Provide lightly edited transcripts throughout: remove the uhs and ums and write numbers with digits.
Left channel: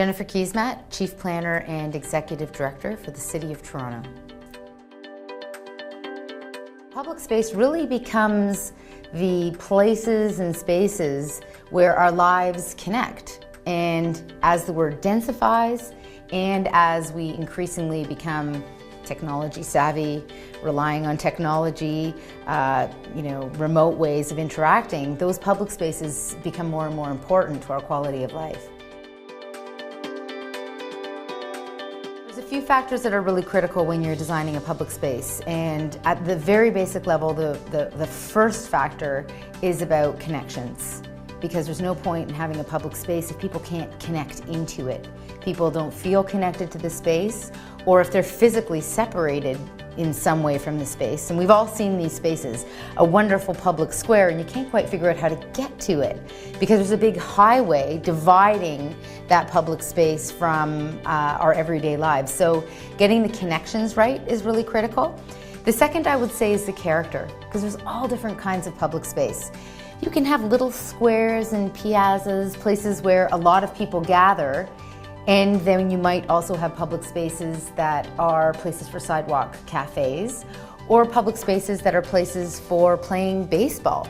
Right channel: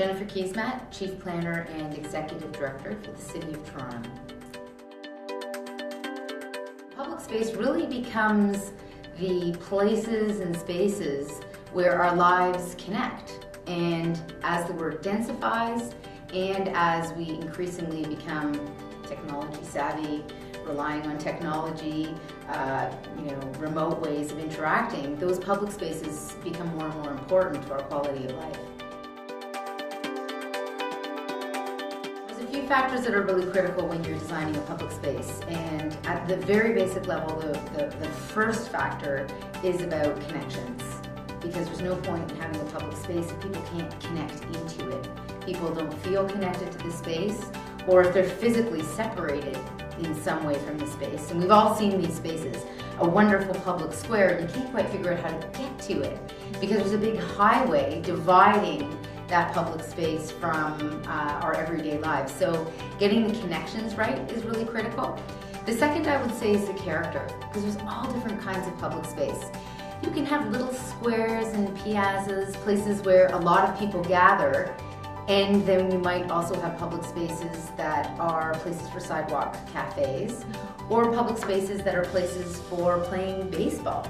Jennifer Keesmaat, Chief Planner and Executive Director for the City of Toronto. Public space really becomes the places and spaces where our lives connect. And as the word densifies and as we increasingly become technology savvy, relying on technology, remote ways of interacting, those public spaces become more and more important to our quality of life. There's a few factors that are really critical when you're designing a public space, and at the very basic level, the first factor is about connections, because there's no point in having a public space if people can't connect into it. People don't feel connected to the space, or if they're physically separated in some way from the space. And we've all seen these spaces, a wonderful public square, and you can't quite figure out how to get to it because there's a big highway dividing that public space from our everyday lives. So getting the connections right is really critical. The second I would say is the character, because there's all different kinds of public space. You can have little squares and piazzas, places where a lot of people gather, and then you might also have public spaces that are places for sidewalk cafes, or public spaces that are places for playing baseball.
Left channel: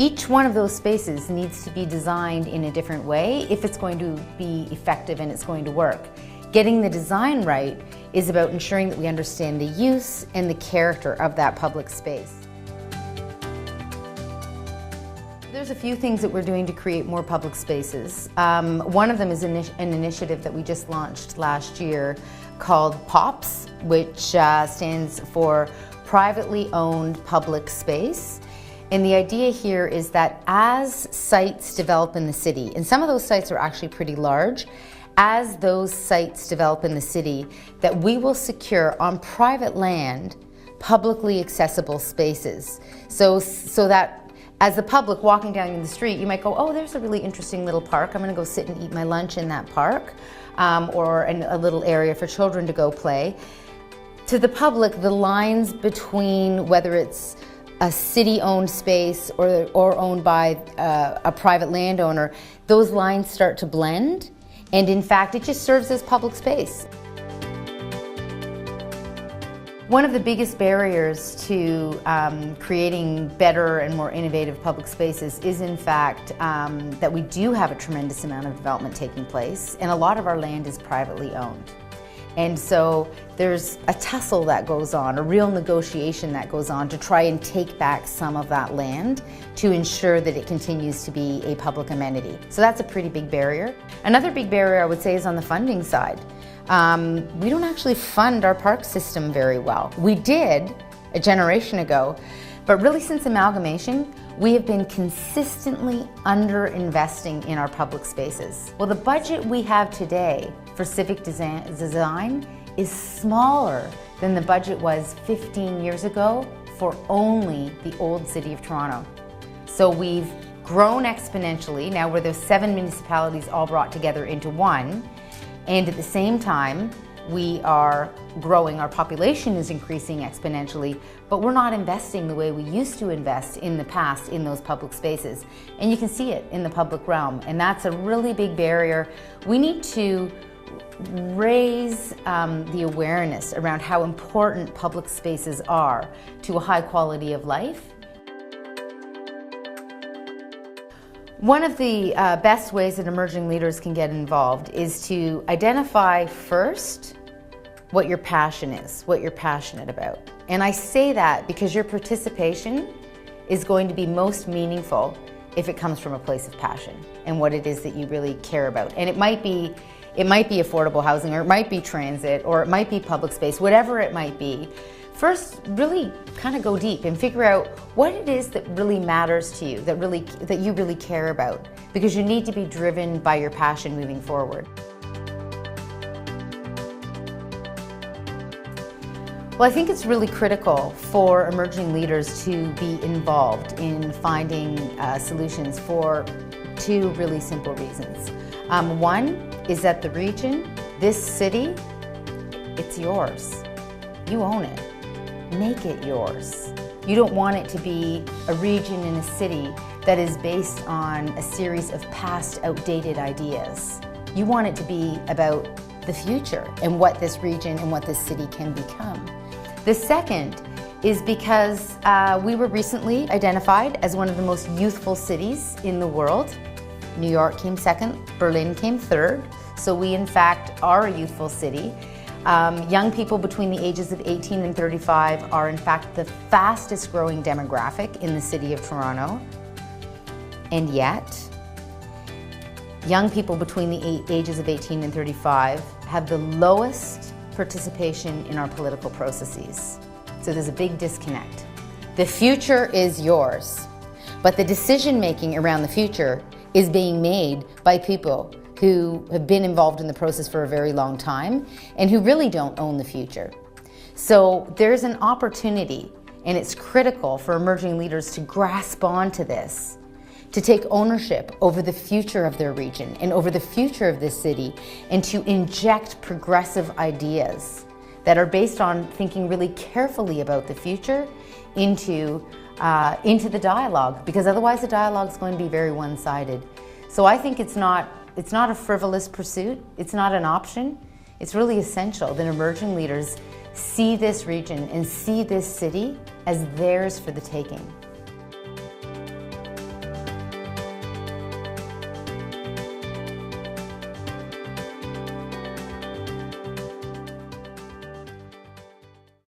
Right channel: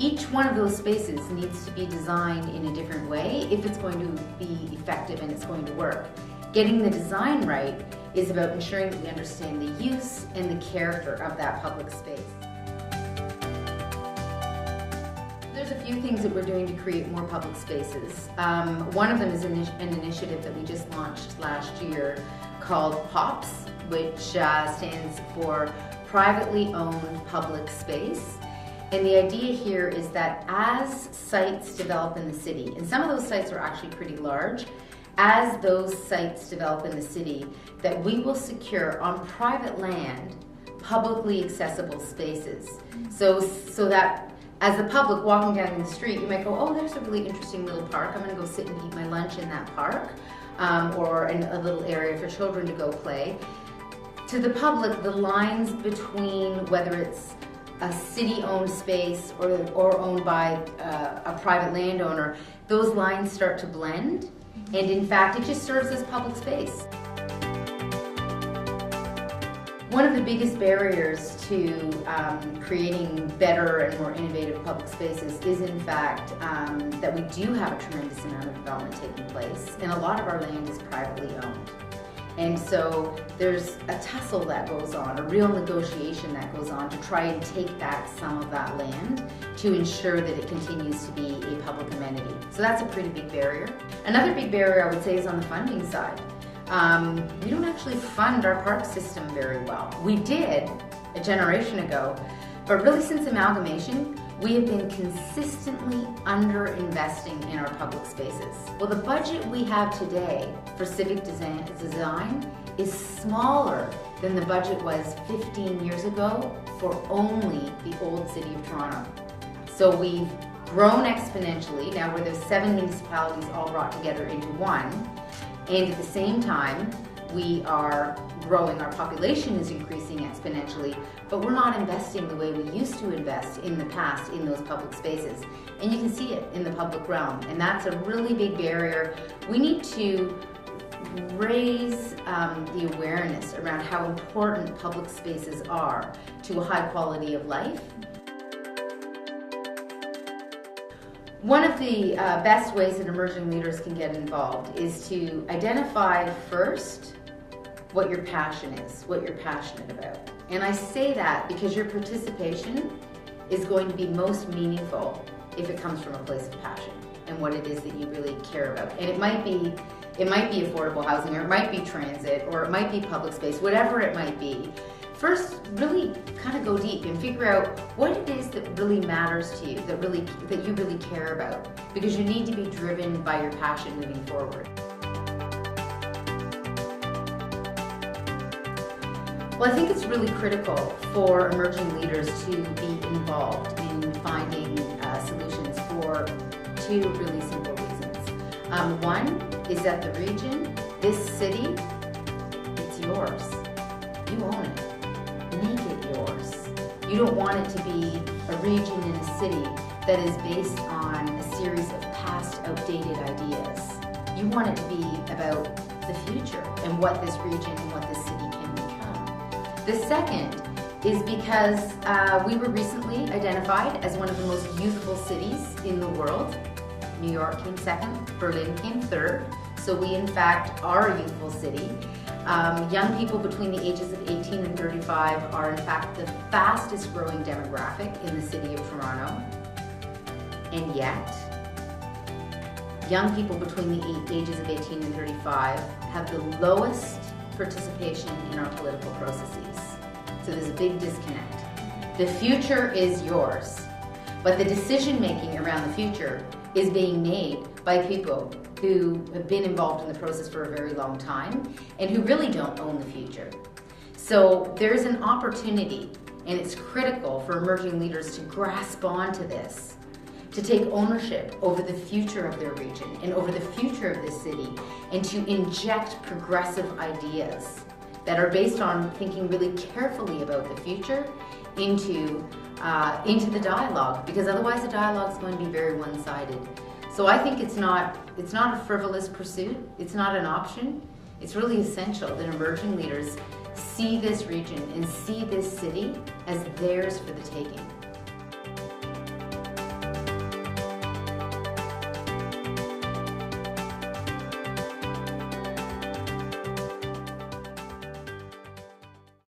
Each one of those spaces needs to be designed in a different way if it's going to be effective and it's going to work. Getting the design right is about ensuring that we understand the use and the character of that public space. There's a few things that we're doing to create more public spaces. One of them is an initiative that we just launched last year called POPS, which stands for Privately Owned Public Space. And the idea here is that as sites develop in the city, and some of those sites are actually pretty large, as those sites develop in the city, that we will secure on private land publicly accessible spaces. So that as the public walking down in the street, you might go, oh, there's a really interesting little park. I'm going to go sit and eat my lunch in that park, or a little area for children to go play. To the public, the lines between whether it's a city-owned space or owned by a private landowner, those lines start to blend, and in fact, it just serves as public space. One of the biggest barriers to creating better and more innovative public spaces is in fact that we do have a tremendous amount of development taking place, and a lot of our land is privately owned. And so there's a tussle that goes on, a real negotiation that goes on to try and take back some of that land to ensure that it continues to be a public amenity. So that's a pretty big barrier. Another big barrier I would say is on the funding side. We don't actually fund our park system very well. We did a generation ago, but really since amalgamation, we have been consistently under-investing in our public spaces. Well, the budget we have today for civic design is smaller than the budget was 15 years ago for only the old City of Toronto. So we've grown exponentially, now where there's 7 municipalities all brought together into one. And at the same time, we are growing, our population is increasing exponentially, but we're not investing the way we used to invest in the past in those public spaces. And you can see it in the public realm, and that's a really big barrier. We need to raise the awareness around how important public spaces are to a high quality of life. One of the best ways that emerging leaders can get involved is to identify first what your passion is, what you're passionate about. And I say that because your participation is going to be most meaningful if it comes from a place of passion and what it is that you really care about. And it might be affordable housing, or it might be transit, or it might be public space, whatever it might be. First, really kind of go deep and figure out what it is that really matters to you, that you really care about, because you need to be driven by your passion moving forward. Well, I think it's really critical for emerging leaders to be involved in finding solutions for 2 really simple reasons. One is that the region, this city, it's yours. You own it. Make it yours. You don't want it to be a region in a city that is based on a series of past outdated ideas. You want it to be about the future and what this region and what this city can become. The second is because we were recently identified as one of the most youthful cities in the world. New York came second, Berlin came third, so we in fact are a youthful city. Young people between the ages of 18 and 35 are in fact the fastest growing demographic in the city of Toronto. And yet, young people between the ages of 18 and 35 have the lowest participation in our political processes. So there's a big disconnect. The future is yours, but the decision making around the future is being made by people who have been involved in the process for a very long time and who really don't own the future. So there's an opportunity, and it's critical for emerging leaders to grasp onto this, to take ownership over the future of their region and over the future of this city, and to inject progressive ideas that are based on thinking really carefully about the future into the dialogue, because otherwise the dialogue is going to be very one-sided. So I think it's not a frivolous pursuit, it's not an option, it's really essential that emerging leaders see this region and see this city as theirs for the taking.